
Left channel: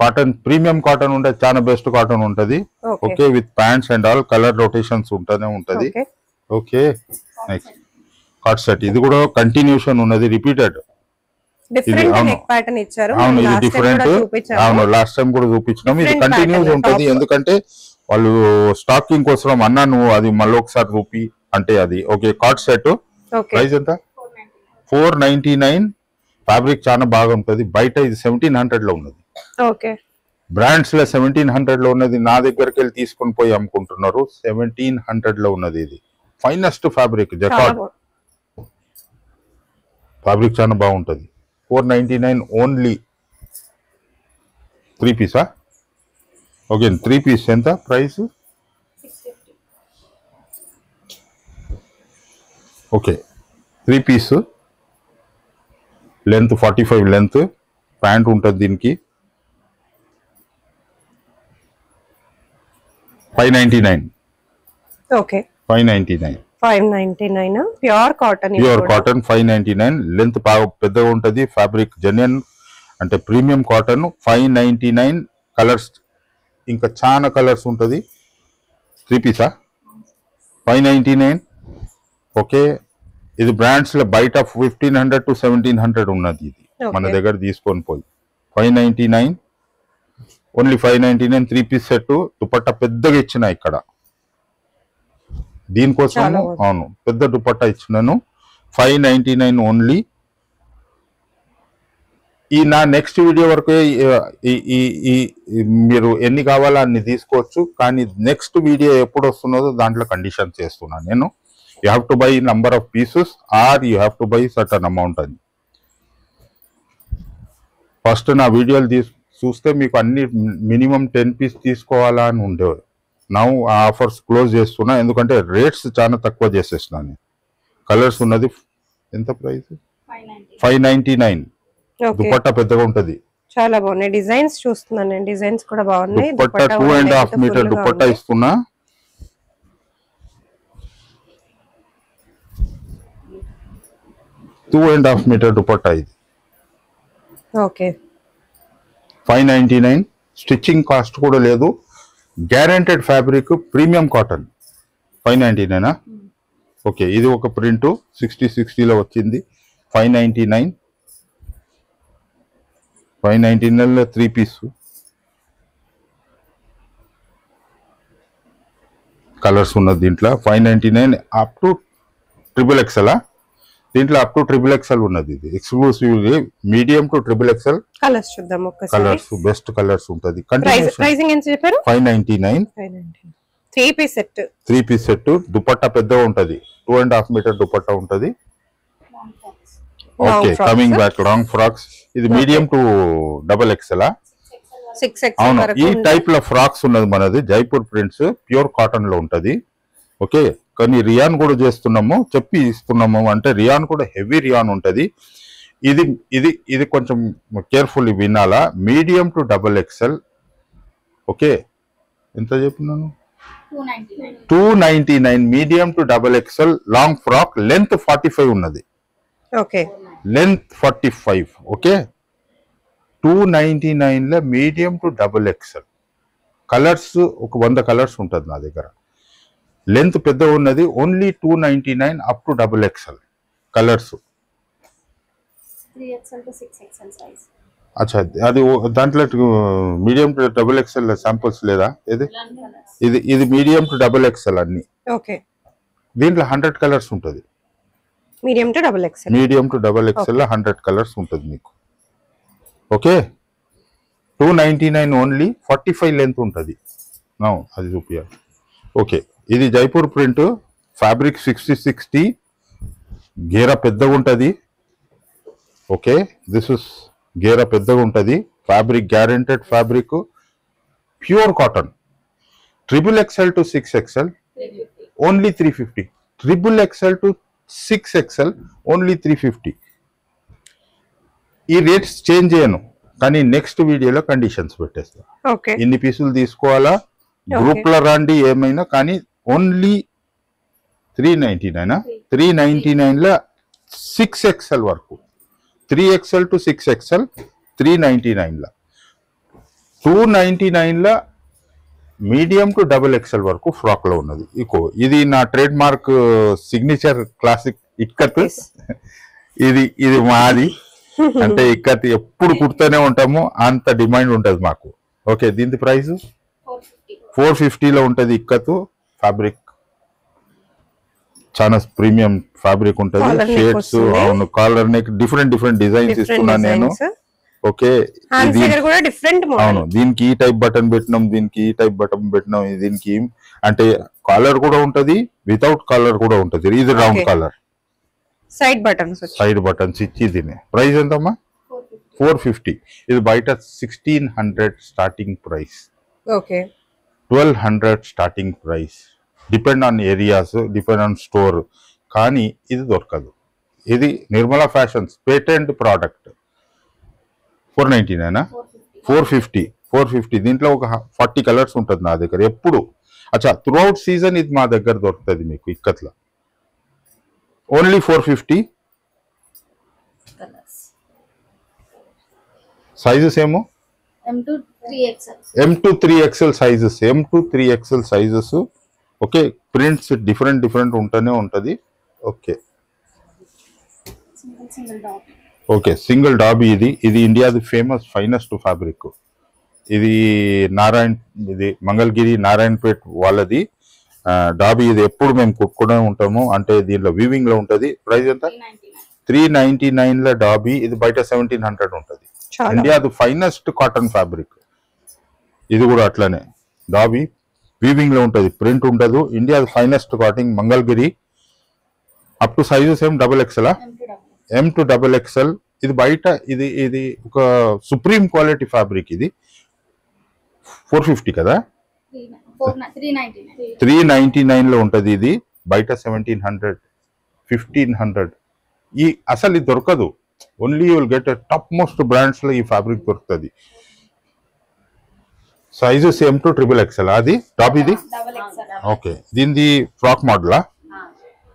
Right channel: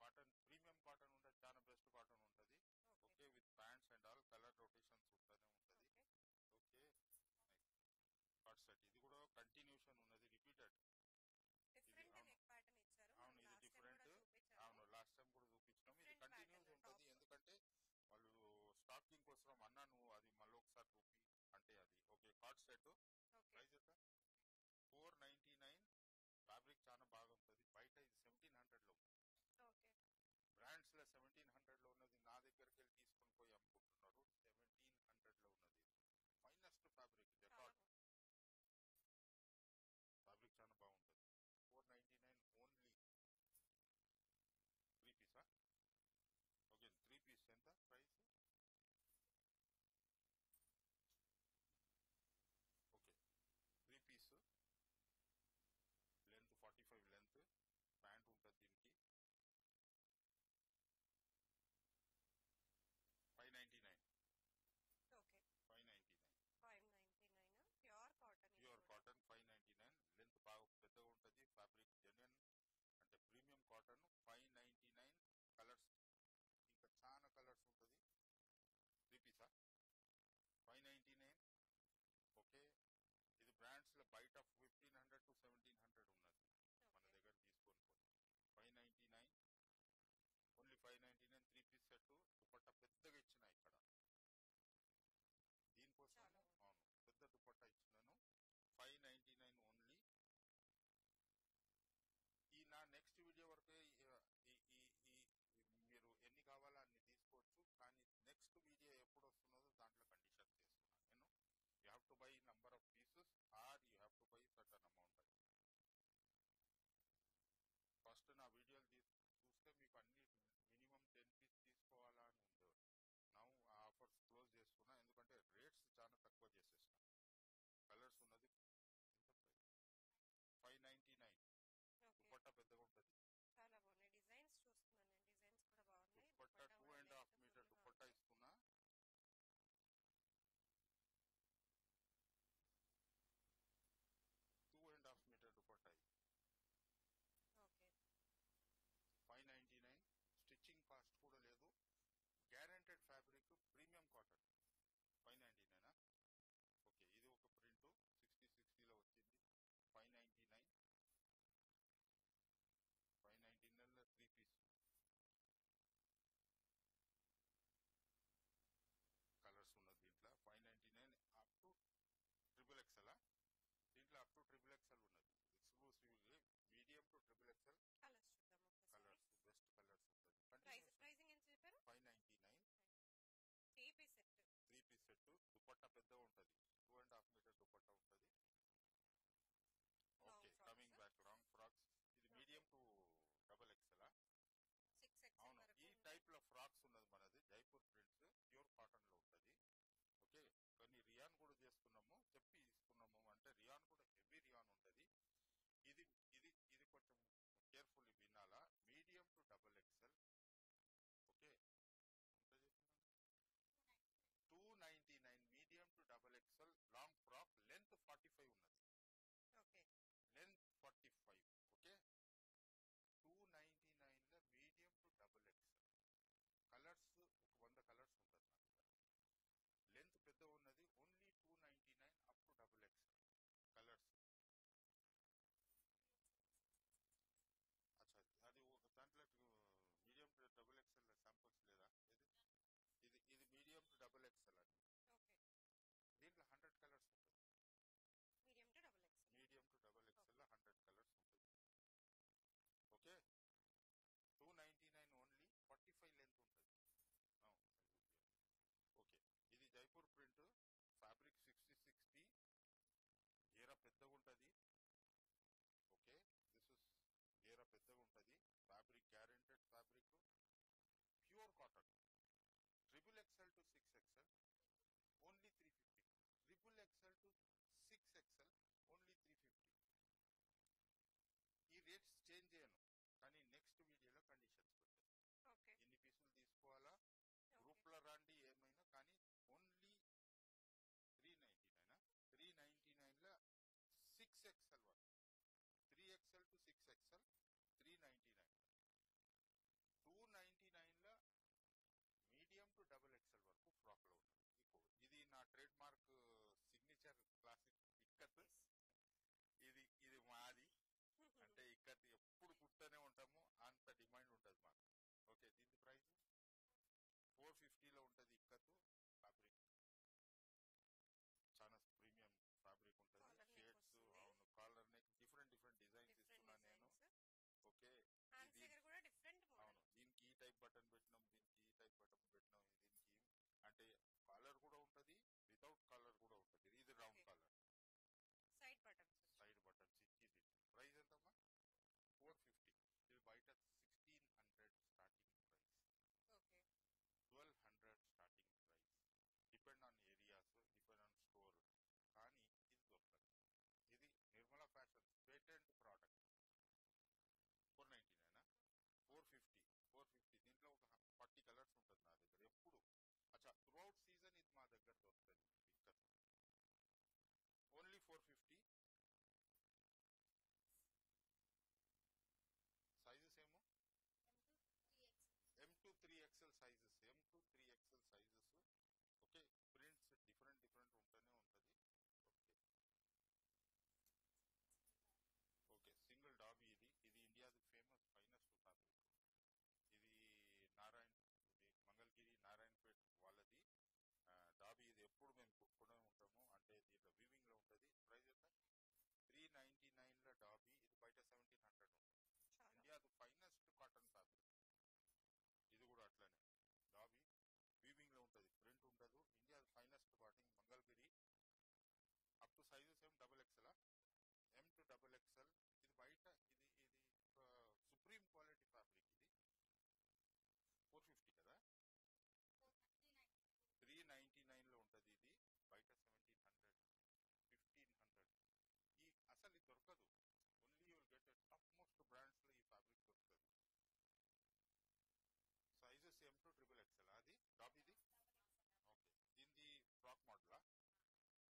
Cotton premium cotton ఉంటది, చాలా బెస్ట్ కాటన్ ఉంటది. Okay with pants and all colour rotations ఉంటనే ఉంటది. Okay next cut set. ఇది కూడా కంటిన్యూషన్ ఉన్నది, రిపీటెడ్. డిఫరెంట్ నెక్ ప్యాటర్న్ ఇచ్చారు. అవును ఇది డిఫరెంట్. అవును లాస్ట్ టైం కూడా చూపించినాం. ఇది కంటిన్యూస్ ఉంటది, ఎందుకంటే వాళ్ళు స్టాకింగ్ కోసం అన్నా నువ్వు అది మళ్ళీ ఒకసారి చూపి అంటే అది. ఓకే కట్ సెట్ ప్రైస్ ఎంత? 499. ఫ్యాబ్రిక్ చాలా బాగా ఉంటది. బయట ఇది 1700 లో ఉన్నది. ఓకే బ్రాండ్స్ లో 1700 లో ఉన్నది. నా దగ్గరికి వెళ్ళి తీసుకొని పోయి అమ్ముకుంటున్నారు. 1700 లో ఉన్నది. ఇది ఫైనెస్ట్ ఫ్యాబ్రిక్, జకార్డ్ ఫ్యాబ్రిక్ చాలా బాగుంటది. 499 ఓన్లీ 3 పీసా? ఓకే 3 పీస్ ఎంత price? Okay 3 piece length 45 length. Pant ఉంటుంది దీనికి. 599. Okay 599 pure cotton. 599 లెంత్ బాగా పెద్దగా ఉంటది. ఫ్యాబ్రిక్ జెన్యున్ అంటే ప్రీమియం కాటన్. 599 కలర్స్ ఇంకా చాలా కలర్స్ ఉంటది. 3 పీసా? 599. ఓకే ఇది బ్రాండ్స్ లో బయట 1500 to 1700 ఉన్నది. ఇది మన దగ్గర తీసుకొని పోయి 599 ఓన్లీ 599. 3 piece set. దుపట్టా పెద్దగా ఇచ్చిన ఇక్కడ దీనికోసం. అవును పెద్ద దుపట్టా ఇచ్చినాను. 599 ఓన్లీ. ఈ నా నెక్స్ట్ వీడియో వరకు మీరు ఎన్ని కావాలో అన్ని తీసుకోవచ్చు, కానీ నెక్స్ట్ వీడియో ఎప్పుడు వస్తున్నదో దాంట్లో కండిషన్ చేస్తున్నాను నేను. You have to buy number of pieces or you have to buy certain amount అని. ఫస్ట్ నా వీడియోలు చూస్తే మీకు అన్ని మినిమం 10 పీస్ తీసుకోవాలా అని ఉండేవి. నా ఆఫర్స్ క్లోజ్ చేస్తున్నా, ఎందుకంటే రేట్స్ చాలా తక్కువ చేసేసినాను. కలర్స్ ఉన్నది ఎంత ప్రైస్? 599. ఓకే, దుపట్టా పెద్దగా ఉంటది. చాలా బాగున్నాయి డిజైన్స్. చూస్తున్నాను నేను, డిజైన్స్ కూడా బాగున్నాయి. దుపట్టా 2.5 మీటర్ దుపట్టా ఇస్తున్నా. Two and half metre dupatta ఇది. ఓకే, 599. స్టిచ్చింగ్ కాస్ట్ కూడా లేదు. Guaranteed fabric, premium cotton. 599. Okay, ఇది ఒక ప్రింట్ 60-60లో వచ్చింది. 599. 599లో 3 పీస్. కలర్స్ ఉన్నది దీంట్లో. 599 అప్ టు XXL. దీంట్లో అప్ టు XXL ఉన్నది. ఇది exclusively medium to XXL. Colours చూద్దాం ఒక్కసారి. కలర్స్ బెస్ట్ కలర్స్ ఉంటది. ప్రైసింగ్ ఎంత చెప్పారు? 599. 3 piece set. 3 piece set. Dupatta పెద్దగా ఉంటది. 2.5 మీటర్ దుపట్టా ఉంటది. Okay, coming back long frocks. ఇది మీడియం టు XXL. 6XL. అవును, ఈ టైప్ లో ఫ్రాక్స్ ఉన్నది మనది. జైపూర్ ప్రింట్స్, ప్యూర్ కాటన్ లో ఉంటది. ఓకే, కానీ రియాన్ కూడా చేస్తున్నాము, చెప్పి ఇస్తున్నాము. అంటే రియాన్ కూడా హెవీ రియాన్ ఉంటది. ఇది ఇది ఇది కొంచెం కేర్ఫుల్లీ వినాలా. Medium to XXL. ఓకే, ఎంత చెప్పినాను? 299. Medium to XXL long frock. Length 45 ఉన్నది. Okay, length 45. ఓకే, 299లో మీడియం టు XXL. కలర్స్ ఒక 100 కలర్స్ ఉంటుంది నా దగ్గర. లెంత్ పెద్ద ఉన్నది. Only 299 up to XXL colours. 3XL to 6XL size. అచ్చా, అది దాంట్లో మీడియం టు XXL శాంపుల్స్ లేదా? ఇది ఇది మీడియం టు XXL అన్ని. ఓకే, దీంట్లో 100 కలర్స్ ఉంటుంది. Medium to XXL. Medium to XXL 100 colours ఉంటుంది మీకు. Okay, 299 only. 45 లెంత్ ఉంటుంది. అది చూపియాలి. ఓకే, ఇది జైపూర్ ప్రింట్. ఫ్యాబ్రిక్ 60-60. గేరా పెద్దగా ఉంటుంది. ఓకే, దిస్ ఇస్ గేరా పెద్దగా ఉంటుంది. Fabric guaranteed fabric, pure cotton. XXL to 6XL only 350. XXL to 6XL only 350. ఈ రేట్స్ చేంజ్ చేయను, కానీ నెక్స్ట్ వీడియోలో కండిషన్స్ పెట్టేస్తా. ఓకే, ఎన్ని పీసులు తీసుకోవాలా, గ్రూప్ లో రండి ఏమైనా. కానీ ఓన్లీ 399. 399లో 6XL వరకు. 3XL to 6XL 399లో. 299లో మీడియం టు XXL వరకు ఫ్రాక్ లో ఉన్నది. ఇది నా trade mark signature classic ikat. ఇది ఇది మాది. అంటే ఇక్కత్ ఎప్పుడు కుడుతూనే ఉంటాము, అంత డిమాండ్ ఉంటది మాకు. ఓకే, దీని ప్రైస్ 450లో ఉంటది. ఇక్కత్ ఫ్యాబ్రిక్ చాలా ప్రీమియం ఫ్యాబ్రిక్ ఉంటది. షేడ్స్, అవును, కాలర్ నెక్, డిఫరెంట్ డిజైన్స్ ఇస్తున్నాను నేను. ఓకే, అవును, దీనికి ఈ టైప్ బటన్ పెట్టినాం, దీనికి ఈ టైప్ బటన్ పెట్టినాం, దీనికి అంటే కాలర్ కూడా ఉంటది, వితౌట్ కాలర్ కూడా ఉంటది. ఇది రౌండ్ కాలర్, సైడ్ బటన్స్ ఇచ్చి. దీని ప్రైస్ ఎంతమ్మా? 450. ఇది బయట 1600 starting price. Okay, 1200 starting price. Depend on areas, depend on store. కానీ ఇది దొరకదు. ఇది నిర్మలా ఫ్యాషన్స్ పేటెంట్ ప్రోడక్ట్. 499. 450. దీంట్లో ఒక 40 కలర్స్ ఉంటుంది నా దగ్గర ఎప్పుడు. అచ్చా, త్రూఅవుట్ సీజన్ ఇది మా దగ్గర దొరుకుతుంది మీకు ఇక్కత్లో. ఓన్లీ 450. సైజెస్ ఏమో M to 3XL. M to 3XL sizes. M to 3XL sizes. Okay, prints different ఉంటూనే ఉంటది. Okay, Single dot. Okay, single dobby. ఇది ఇండియాది ఫేమస్ ఫైనెస్ట్ ఫ్యాబ్రిక్. ఇది ఇది మంగళగిరి నారాయణపేట్ వాళ్ళది డాబీ. ఇది ఎప్పుడు మేము కుట్టుకునే ఉంటాము. అంటే దీంట్లో వీవింగ్ లో ఉంటది. ప్రైస్ ఎంత? 399లో డాబీ. ఇది బయట 1700 ఉంటది. ఇండియాది ఫైనెస్ట్ కాటన్ ఫ్యాబ్రిక్. ఇది కూడా అట్లనే డాబీ వీవింగ్ లో ఉంటది, ప్రింట్ ఉండదు. ఇండియాది finest cotton Mangalagiri. Up to sizes ఏం XXL. M to XXL. ఇది బయట ఇది ఒక సుప్రీం క్వాలిటీ ఫ్యాబ్రిక్. ఇది 450 కదా. 399. 399 లో ఉంటది ఇది, బయట 1700 1500. ఈ అసలు ఇది దొరకదు. Only you will get top most brands లో ఈ ఫ్యాబ్రిక్ దొరుకుతుంది. సైజెస్ M to XXL అది టాప్ ఇది. Double XL. ఓకే, దీనిది ఫ్రాక్ మోడలా?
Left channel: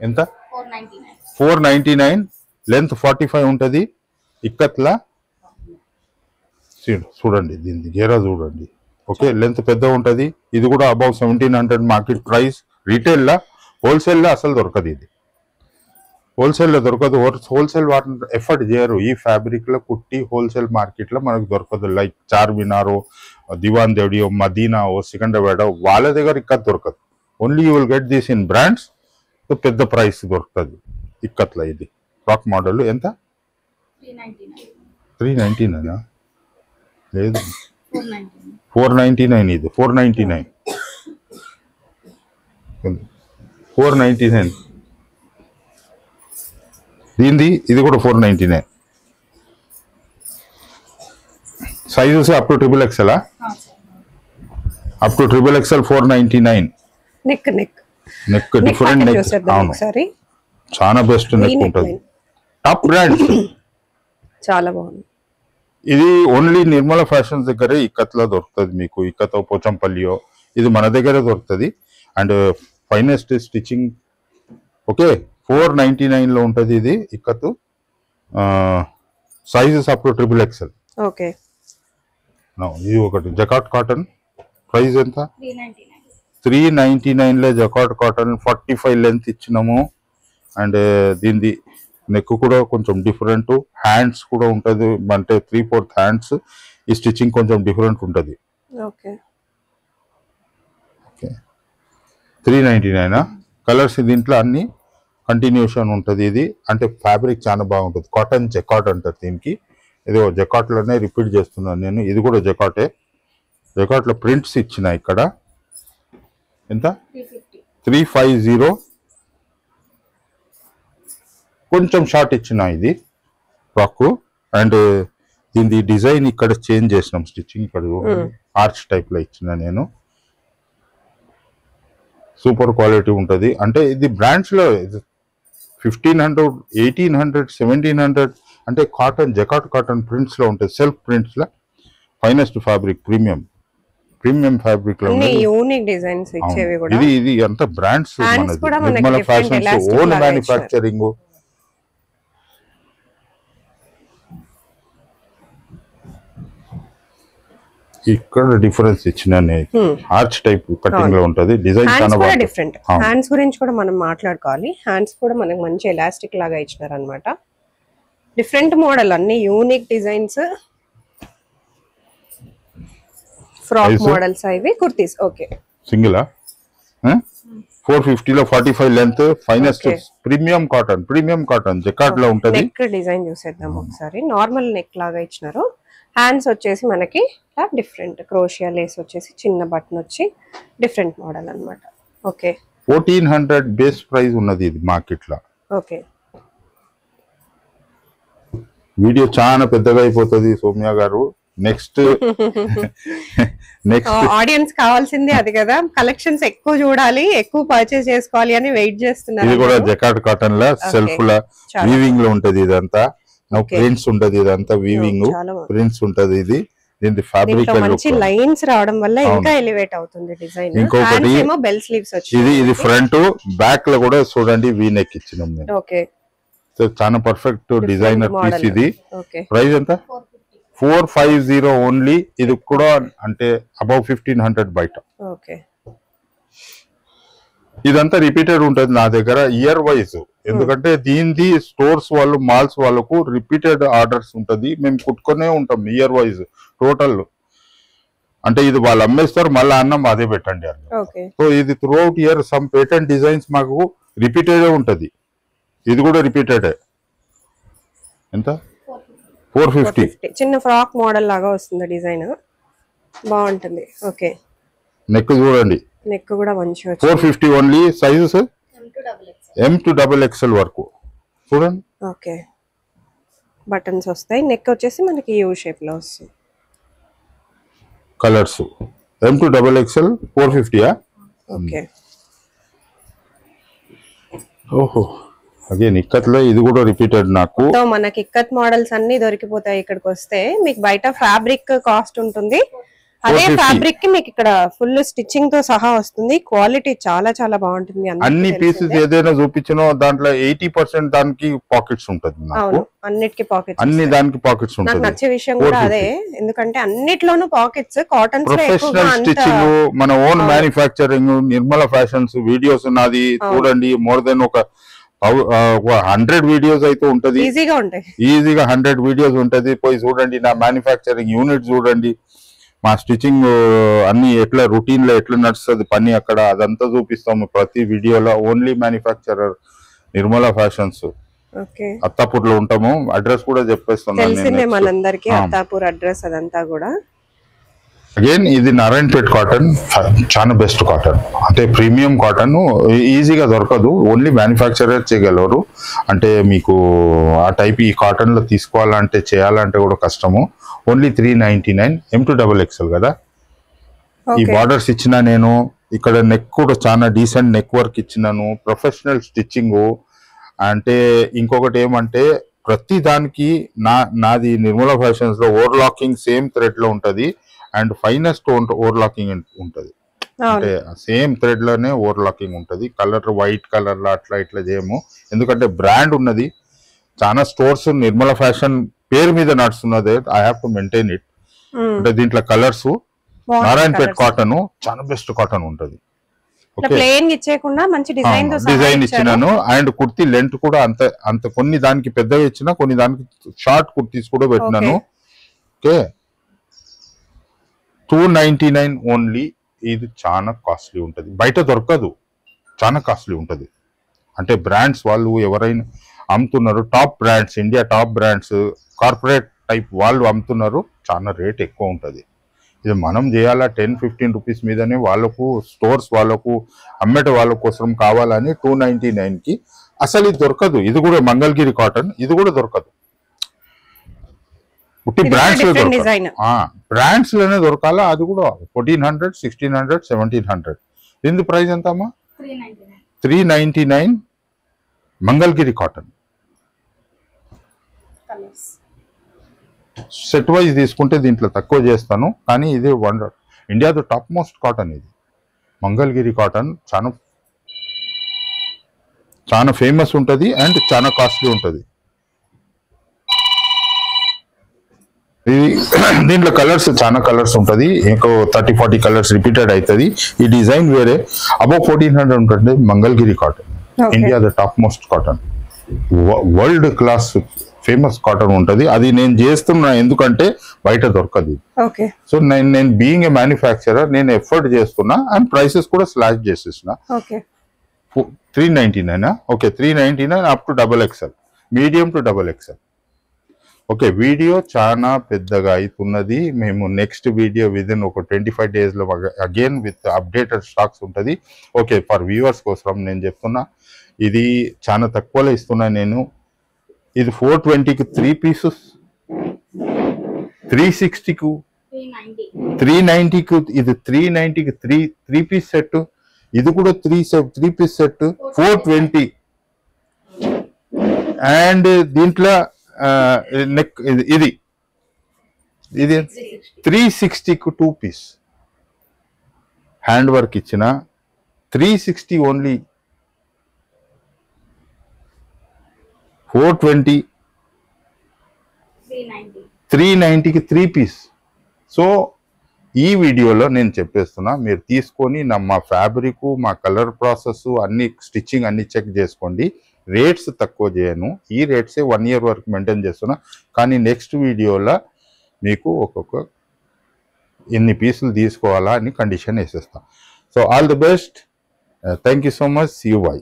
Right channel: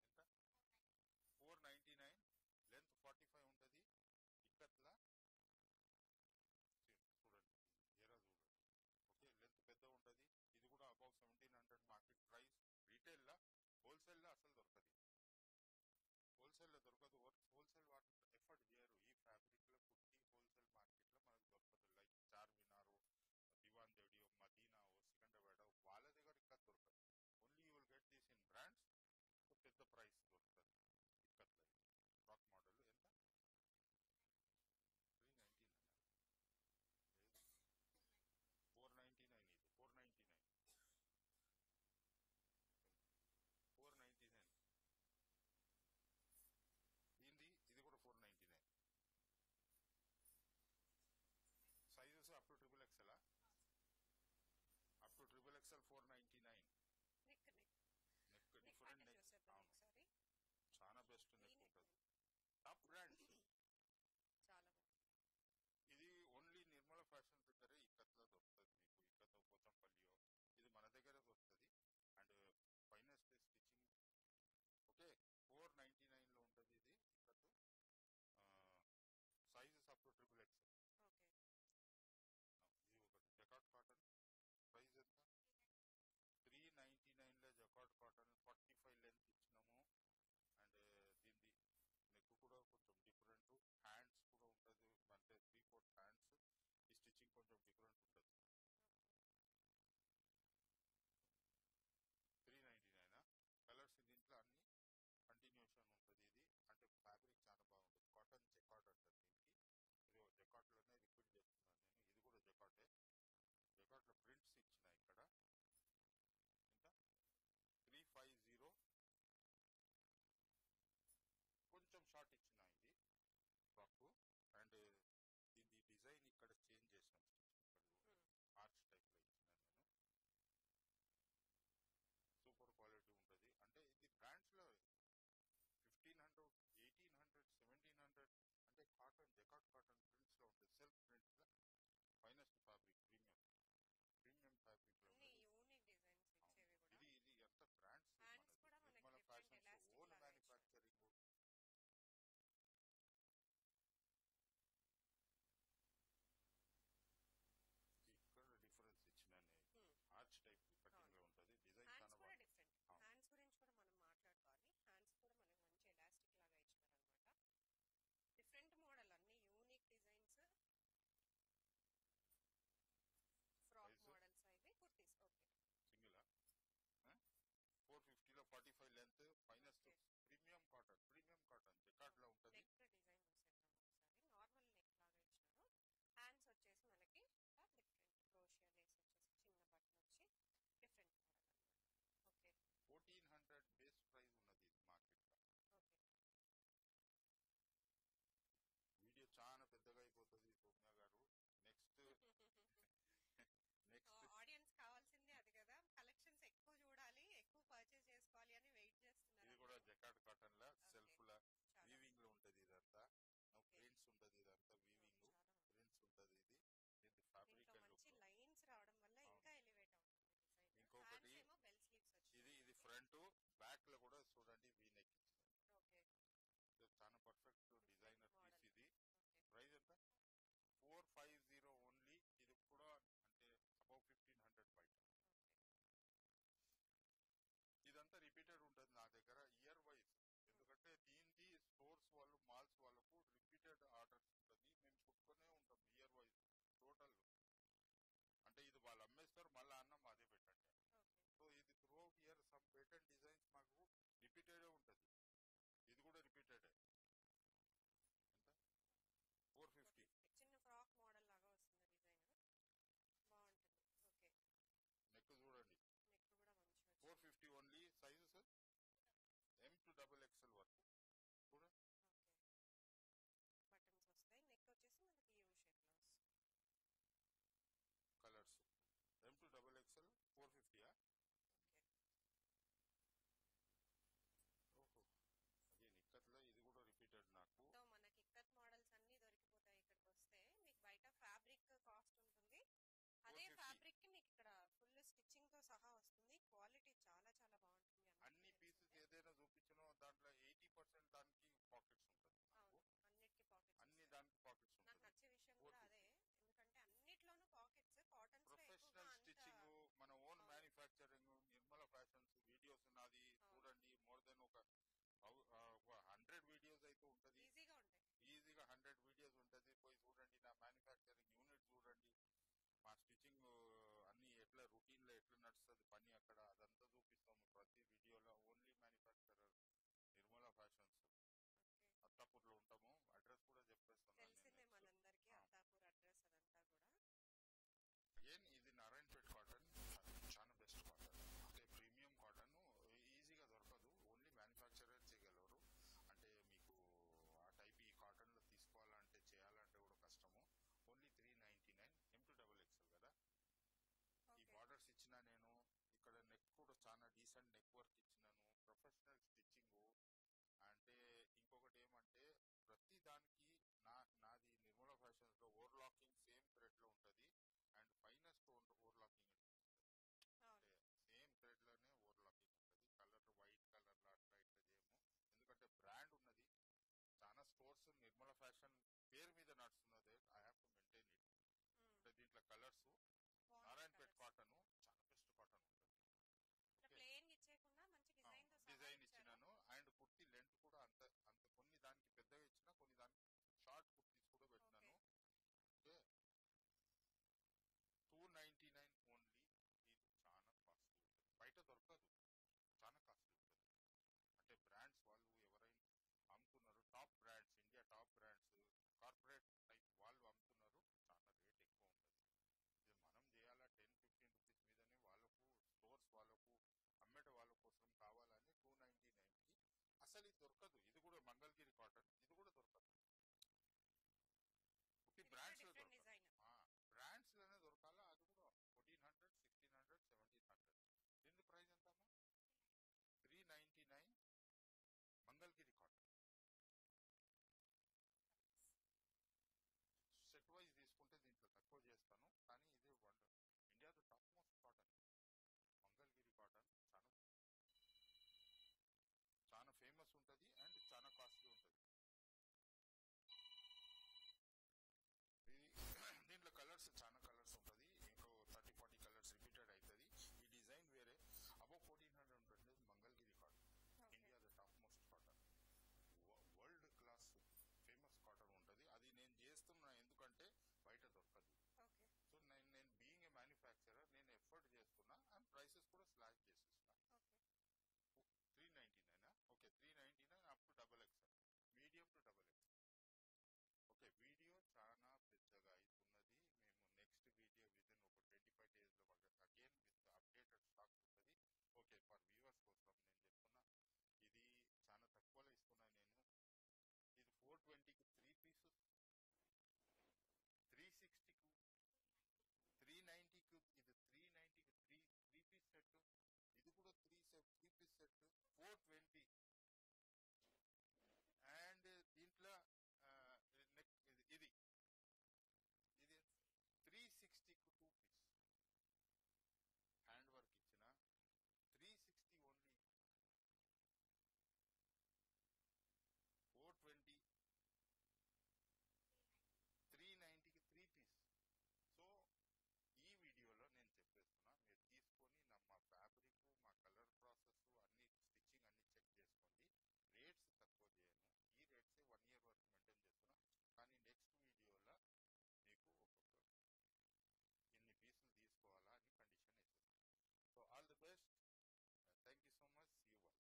ఎంత? 499. 499. లెంత్ 45 ఉంటది. ఇక్కత్లా చూడండి, దీనిది గేరా చూడండి. ఓకే, లెంత్ పెద్ద ఉంటది. ఇది కూడా అబౌవ్ 1700 మార్కెట్ ప్రైస్. రీటైల్ లా, హోల్సేల్ లా అసలు దొరకదు ఇది. హోల్సేల్ లో దొరకదు. హోల్సేల్ వాటిని ఎఫర్ట్ చేయరు ఈ ఫ్యాబ్రిక్ లో కుట్టి. హోల్సేల్ మార్కెట్ లో మనకు దొరకదు. లైక్ చార్మినారో, దివాన్ దేవడియో, మదీనాఓ, సికండ్రాబాద్ వాళ్ళ దగ్గర ఇక్కడ దొరకదు. Only you will get this in brands. పెద్ద ప్రైస్ దొరుకుతుంది ఇక్కత్లో. ఇది ఫ్రాక్ మోడల్ ఎంత? 399. 399 లేదు, 499. 499. ఇది 499. 499 దీనిది. ఇది కూడా 499. Sizes up to XXL. Up to XXL 499. Neck neck neck different neck. అవును, ఒకసారి చాలా బెస్ట్ నెక్ ఉంటుంది. Top brands. చాలా బాగుంది. ఇది ఓన్లీ నిర్మల ఫ్యాషన్స్ దగ్గరే ఇక్కత్లో దొరుకుతుంది మీకు. ఇక్కతో పోచంపల్లియో ఇది మన దగ్గరే దొరుకుతుంది. And finest stitching. ఓకే, 499 లో ఉంటుంది ఇది ikat. Sizes up to XXL. Okay, ఇది ఒకటి జకాట్ కాటన్. ప్రైస్ ఎంత? 399. 399 లో జకాట్ కాటన్ 45 లెంత్ ఇచ్చినాము. అండ్ దీనిది నెక్ కూడా కొంచెం డిఫరెంట్. హ్యాండ్స్ కూడా ఉంటుంది, అంటే 3/4 హ్యాండ్స్. ఈ స్టిచ్చింగ్ కొంచెం డిఫరెంట్ ఉంటుంది. ఓకే, 399. కలర్స్ దీంట్లో అన్ని కంటిన్యూషన్ ఉంటుంది. ఇది అంటే ఫ్యాబ్రిక్ చాలా బాగుంటుంది. కాటన్ జకాట్ అంటారు దీనికి. ఏదో జకాట్లోనే రిపీట్ చేస్తున్నాను నేను. ఇది కూడా జకాటే. జకాట్లో ప్రింట్స్ ఇచ్చిన ఇక్కడ. ఎంత? 350. 350. కొంచెం షార్ట్ ఇచ్చిన ఇది ఫ్రాక్. అండ్ దీని డిజైన్ ఇక్కడ చేంజ్ చేసినాం. స్టిచ్చింగ్ ఇక్కడ ఆర్చ్ టైప్ లో ఇచ్చిన నేను. సూపర్ క్వాలిటీ ఉంటుంది. అంటే ఇది బ్రాండ్స్ లో 1500 1800 1700 అంటే కాటన్ జకాట్ కాటన్ ప్రింట్స్ లో ఉంటుంది. సెల్ఫ్ ప్రింట్స్ లో ఫైనెస్ట్ ఫ్యాబ్రిక్. ప్రీమియం ఫ్యాబ్రిక్ లో యూనిక్ డిజైన్స్ ఇచ్చేవి కూడా. ఇది అంతా బ్రాండ్స్ మనది. Nirmala fashions own manufacturing. ఇక్కడ డిఫరెన్స్ ఇచ్చిన ఆర్చ్ టైప్ కటింగ్ లో ఉంటది. డిజైన్ చాలా బాగుంది. డిఫరెంట్ హ్యాండ్స్ గురించి కూడా మనం మాట్లాడుకోవాలి. హ్యాండ్స్ కూడా మనకి మంచి ఎలాస్టిక్ లాగా ఇచ్చినారు అనమాట. డిఫరెంట్ మోడల్, అన్ని యూనిక్ డిజైన్స్. ఫ్రాక్ మోడల్స్ ఇవి కుర్తీస్. ఓకే, సింగిల్ 450 లో 45 లెంత్. ఫైనెస్ట్ ప్రీమియం కాటన్ జకాట్ లో ఉంటది. నెక్ డిజైన్ చూసేద్దాం ఒకసారి. నార్మల్ నెక్ లాగా ఇచ్చినారు. హ్యాండ్స్ వచ్చేసి మనకి డిఫరెంట్ క్రోషియా లేస్ వచ్చేసి చిన్న బటన్ వచ్చి డిఫరెంట్ మోడల్ అన్నమాట. ఓకే, 1400 బేస్ ప్రైస్ ఉన్నది ఇది మార్కెట్ లో. ఓకే, వీడియో చాలా పెద్దగా అయిపోతుంది సౌమ్య గారు. నెక్స్ట్ ఆడియన్స్ కావాల్సింది అది కదా, కలెక్షన్స్ ఎక్కువ చూడాలి, ఎక్కువ పర్చేస్ చేసుకోవాలి అని వెయిట్ చేస్తున్నారు. ఇది కూడా జకాట్ కాటన్ లా సెల్ఫ్ లా వీవింగ్ లో ఉంటది. ఇదంతా ప్రింట్స్ ఉంటది. ఇదంతా వీవింగ్ ప్రింట్స్ ఉంటది. ఇది దీని ఫ్యాబ్రిక్ మంచి లైన్స్ రావడం వల్ల ఇంకా ఎలివేట్ అవుతుంది డిజైన్. ఇంకొకటి బెల్ స్లీవ్స్ వచ్చి ఇది ఫ్రంట్ బ్యాక్ లో కూడా చూడండి వీ నెక్ ఇచ్చినాం నేను. ఓకే, సో చాలా పర్ఫెక్ట్ డిజైనర్ పీస్ ఇది. ప్రైస్ ఎంత? 450 ఓన్లీ. ఇది కూడా అంటే అబౌవ్ 1500 బయట. ఓకే, ఇదంతా రిపీటెడ్ ఉంటది నా దగ్గర ఇయర్ వైజ్. ఎందుకంటే దీనిది స్టోర్స్ వాళ్ళు మాల్స్ వాళ్ళకు రిపీటెడ్ ఆర్డర్స్ ఉంటది. మేము కుట్టుకునే ఉంటాం ఇయర్ వైజ్ టోటల్. అంటే ఇది వాళ్ళు అమ్మేస్తారు, మళ్ళీ అన్నం అదే పెట్టండి అని. సో ఇది through out year some patent designs మాకు రిపీటెడ్ ఉంటది. ఇది కూడా రిపీటెడ్. ఎంత? 450. చిన్న ఫ్రాక్ మోడల్ లాగా వస్తుంది డిజైన్, బాగుంటుంది. ఓకే, నెక్ చూడండి, నెక్ కూడా మంచిగా 450 only. Sizes M to XXL వరకు చూడండి. ఓకే, బటన్స్ వస్తాయి. నెక్ వచ్చేసి మనకి యూ షేప్ లో వస్తుంది. Colours M2XXL 450. ఓకే. ఓహో, అగైన్ ఇక్కత్లో ఇది కూడా రిపీటెడ్ నాకు. సో మనకి ఇక్కత్ మోడల్స్ అన్ని దొరికిపోతాయి ఇక్కడికి వస్తే. మీకు బయట ఫ్యాబ్రిక్ కాస్ట్ ఉంటుంది, అదే 450. ఫ్యాబ్రిక్ కి మీకు ఇక్కడ ఫుల్ స్టిచ్చింగ్ తో సహా వస్తుంది. క్వాలిటీ చాలా చాలా బాగుంటుంది. అన్ని పీసెస్ ఏదైనా చూపించినో దాంట్లో 80% దానికి పాకెట్స్ ఉంటుంది నాకు. అవును, అన్నిటికీ పాకెట్స్. అన్ని దానికి పాకెట్స్ నాకు ఉంటుంది. నచ్చే విషయం కూడా అదే, ఎందుకంటే అన్నిట్లోనూ పాకెట్స్. కాటన్స్ ప్రొఫెషనల్ స్టిచ్చింగ్, మన own manufacturing, Nirmala fashions videos ఉన్నది చూడండి. మోర్ దెన్ ఒక 100 వీడియోస్ అయితే ఉంటది. ఈజీగా ఉంటాయి. ఈజీగా 100 వీడియోస్ ఉంటది. పోయి చూడండి, నా మ్యానుఫ్యాక్చరింగ్ యూనిట్ చూడండి, మా స్టిచ్చింగ్ అన్ని ఎట్లా రొటీన్ లో ఎట్లా నడుస్తుంది పని అక్కడ, అదంతా చూపిస్తాము ప్రతి వీడియోలో. Only manufacturer Nirmala fashions. అత్తాపూర్లో ఉంటాము. అడ్రస్ కూడా చెప్పేస్తున్నాను. తెలిసిందే మనందరికి అత్తాపూర్ అడ్రస్ అదంతా కూడా. అగైన్ ఇది నారాయణపేట్ కాటన్, చాలా బెస్ట్ కాటన్. అంటే ప్రీమియం కాటన్, ఈజీగా దొరకదు. ఓన్లీ మ్యానుఫ్యాక్చరర్ చేయగలరు. అంటే మీకు ఆ టైప్ ఈ కాటన్ లో తీసుకోవాలంటే చేయాలంటే కూడా కష్టము. ఓన్లీ 399. M2XXL కదా. ఈ బార్డర్స్ ఇచ్చిన నేను, ఇక్కడ నెక్ కూడా చాలా డీసెంట్ నెక్ వర్క్ ఇచ్చినాను. Professional stitching. అంటే ఇంకొకటి ఏమంటే ప్రతి దానికి నాది నిర్మల ఫ్యాషన్స్ లో ఓవర్లాకింగ్ సేమ్ థ్రెడ్ లో ఉంటది. అండ్ ఫైనెస్ట్ ఓవర్లాకింగ్ ఉంటది. అంటే సేమ్ థ్రెడ్ లోనే ఓవర్లాకింగ్ ఉంటది. కలర్ వైట్ కలర్ లో అట్లా ఇట్లా చేయము. ఎందుకంటే బ్రాండ్ ఉన్నది. చాలా స్టోర్స్ నిర్మల ఫ్యాషన్ పేరు మీద నడుస్తున్నది. I have to maintain it. అంటే దీంట్లో కలర్స్ నారాయణపేట్ కాటన్ చాలా బెస్ట్ కాటన్ ఉంటది. డిజైన్ ఇచ్చినాను. అండ్ కుర్తీ లెంత్ కూడా అంత కొన్ని దానికి పెద్దగా ఇచ్చిన, కొన్ని దానికి షార్ట్ కుర్తీస్ కూడా పెట్టినాను. Okay, 299 only. ఇది చాలా కాస్ట్లీ ఉంటుంది, బయట దొరకదు. చాలా కాస్ట్లీ ఉంటుంది. అంటే బ్రాండ్స్ వాళ్ళు ఎవరైనా అమ్ముతున్నారు, top brands, India top brands, corporate type వాళ్ళు అమ్ముతున్నారు. చాలా రేట్ ఎక్కువ ఉంటుంది. ఇది మనం చేయాలా 10-15 రూపీస్ మీదనే వాళ్ళకు, స్టోర్స్ వాళ్ళకు, అమ్మేట వాళ్ళ కోసం కావాలని 299కి అసలు ఇది దొరకదు. ఇది కూడా మంగళగిరి కాటన్, ఇది కూడా దొరకదు. బ్రాండ్స్ బ్రాండ్స్ లోనే దొరకాలా. అది కూడా 1400, 1600, 1700. దీని ప్రైస్ ఎంత అమ్మా? 399. మంగళగిరి కాటన్. సెట్ వైజ్ తీసుకుంటే దీంట్లో తక్కువ చేస్తాను, కానీ ఇది ఇండియాలో టాప్ మోస్ట్ కాటన్. ఇది మంగళగిరి కాటన్ చాలా ఫేమస్ ఉంటుంది అండ్ చాలా కాస్ట్లీ ఉంటుంది. దీంట్లో కలర్స్ చాలా కలర్స్ ఉంటుంది. ఇంకో 30-40 కలర్స్ రిపీటెడ్ అవుతుంది. ఈ డిజైన్ వేరే. అబౌవ్ 1400 ఉంటుంది. Mangalagiri cotton India the top most cotton, world class famous cotton ఉంటుంది. అది నేను చేస్తున్నా, ఎందుకంటే బయట దొరకదు. సో నేను బీయింగ్ ఏ మ్యానుఫ్యాక్చరర్ నేను ఎఫర్ట్ చేస్తున్నా అండ్ ప్రైసెస్ కూడా స్లాష్ చేసేసిన. 399. Okay, 399 up to XXL, medium to XXL. Okay, video చాలా పెద్దగా అవుతున్నది. మేము నెక్స్ట్ వీడియో విదిన్ ఒక 25 days లో అగైన్ విత్ అప్డేటెడ్ స్టాక్స్ ఉంటుంది. ఓకే, ఫర్ వ్యూవర్స్ కోసం నేను చెప్తున్నా, ఇది చాలా తక్కువలో ఇస్తున్నా నేను. ఇది 420కి 3 పీసెస్, 360కు 390కు, ఇది 390కి 3 పీస్ సెట్. ఇది కూడా 3 పీస్ సెట్ 420. అండ్ దీంట్లో నెక్ ఇది 360కు 2 పీస్ హ్యాండ్ వర్క్ ఇచ్చిన 360 ఓన్లీ. 420, 390కి 3 పీస్. సో ఈ వీడియోలో నేను చెప్పేస్తున్నా, మీరు తీసుకొని మా ఫ్యాబ్రిక్, మా కలర్ ప్రాసెస్ అన్ని, స్టిచ్చింగ్ అన్ని చెక్ చేసుకోండి. రేట్స్ తక్కువ చేయను. ఈ రేట్సే 1 year వరకు మెయింటైన్ చేస్తున్నా. కానీ నెక్స్ట్ వీడియోలో మీకు ఒక్కొక్క ఎన్ని పీసులు తీసుకోవాలా అని కండిషన్ వేసేస్తా. So all the best. Thank you so much. See you. By.